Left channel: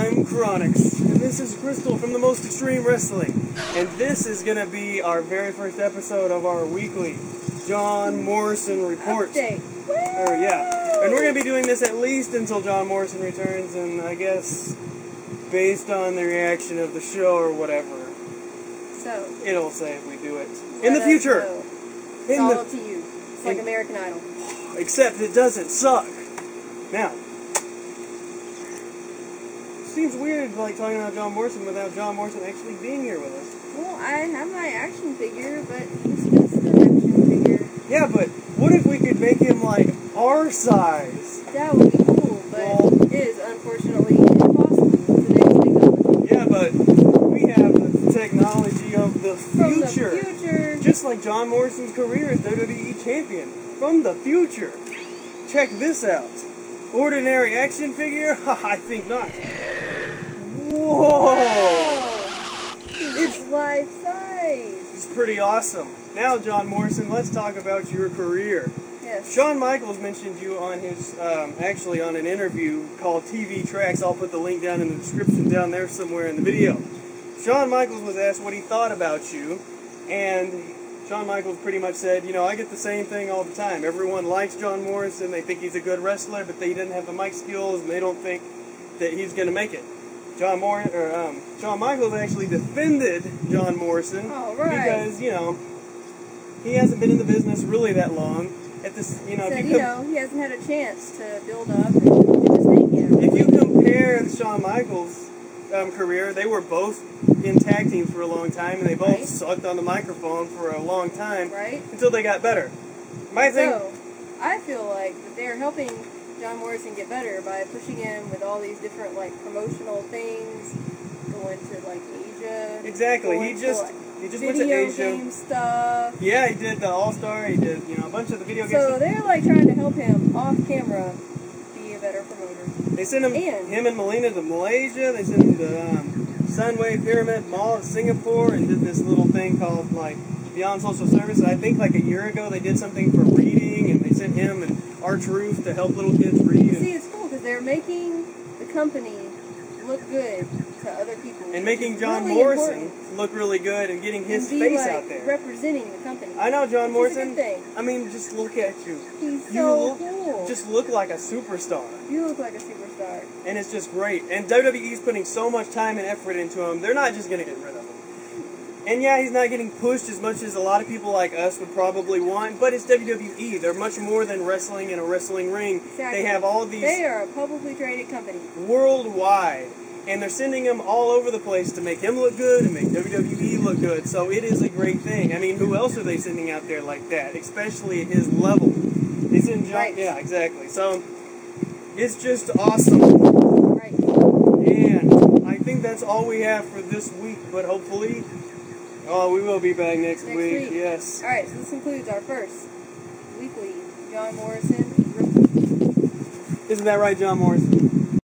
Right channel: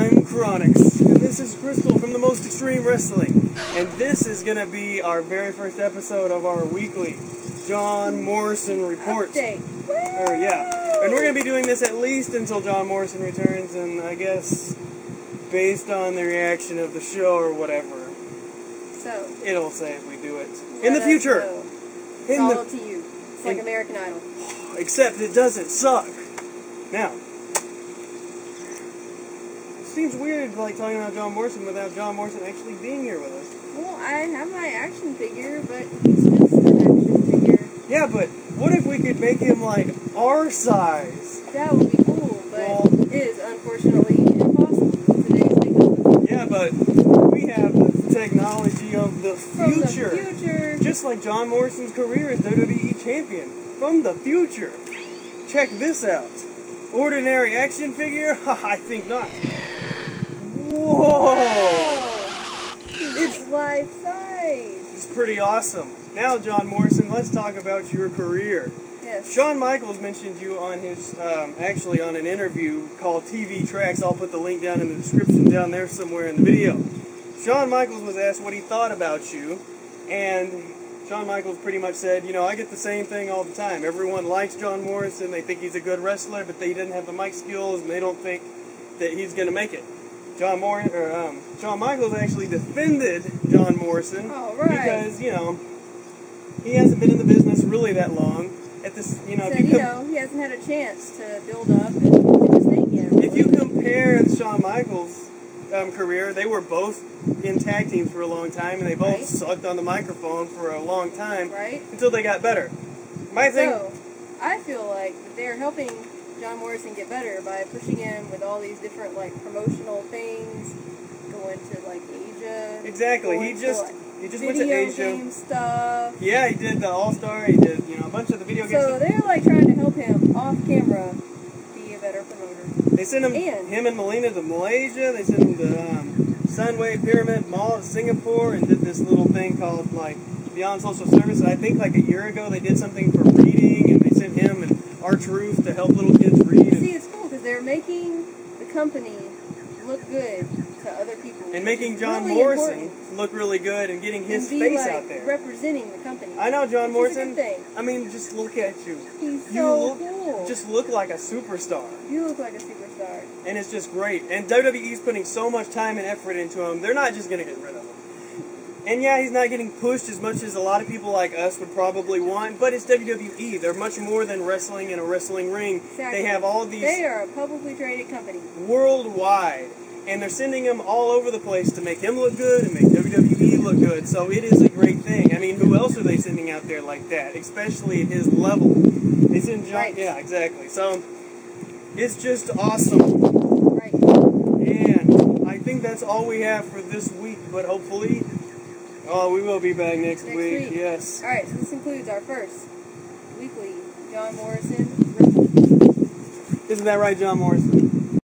I'm Chronix, and this is Crystal from the Most Extreme Wrestling, and this is going to be our very first episode of our weekly John Morrison report. Update. Yeah, and we're going to be doing this at least until John Morrison returns, and I guess based on the reaction of the show or whatever, so it'll say if we do it in the future. It's all up to you. It's like American Idol. Except it doesn't suck. Now, it seems weird like talking about John Morrison without John Morrison actually being here with us. Well, I have my action figure, but he's just an action figure. Yeah, but what if we could make him like our size? That would be cool, but it is unfortunately impossible with today's technology. Yeah, but we have the technology of the future. From the future. Just like John Morrison's career as WWE champion. From the future. Check this out. Ordinary action figure? I think not. Whoa! It's life size. It's pretty awesome. Now, John Morrison, let's talk about your career. Yes. Shawn Michaels mentioned you on his, actually on an interview called TV Tracks. I'll put the link down in the description down there somewhere in the video. Shawn Michaels was asked what he thought about you, and Shawn Michaels pretty much said, you know, I get the same thing all the time. Everyone likes John Morrison, they think he's a good wrestler, but they didn't have the mic skills, and they don't think that he's going to make it. Shawn Michaels actually defended John Morrison because, you know, he hasn't been in the business really that long. At this, you know, said, he hasn't had a chance to build up and do his thing yet. Really. If you compare Shawn Michaels' career, they were both in tag teams for a long time, and they both sucked on the microphone for a long time until they got better. So, I feel like that they're helping John Morrison get better by pushing him with all these different like promotional things, going to like Asia. Exactly. He just went to Asia. Video game stuff. Yeah, he did the All-Star. He did, you know, a bunch of the video games. So they're like trying to help him off camera be a better promoter. They sent him and Melina to Malaysia. They sent him to Sunway Pyramid Mall in Singapore and did this little thing called like Beyond Social Service. And I think like a year ago they did something for reading, and they sent him and Arch-Roof to help little kids read. See, it's cool because they're making the company look good to other people. And making John Morrison look really good and getting his face out there. Representing the company. I know John Morrison. Is a good thing. I mean, just look at you. He's so cool. Just look like a superstar. You look like a superstar. And it's just great. And WWE's putting so much time and effort into him, they're not just going to get rid of him. And yeah, he's not getting pushed as much as a lot of people like us would probably want, but it's WWE. They're much more than wrestling in a wrestling ring. Exactly. They have all these... They are a publicly traded company. Worldwide. And they're sending him all over the place to make him look good and make WWE look good. So it is a great thing. I mean, who else are they sending out there like that? Especially at his level. They send John... Yeah, exactly. So it's just awesome. Right. And I think that's all we have for this week, but hopefully... Oh, we will be back next week. Yes. Alright, so this concludes our first weekly John Morrison report. Isn't that right, John Morrison?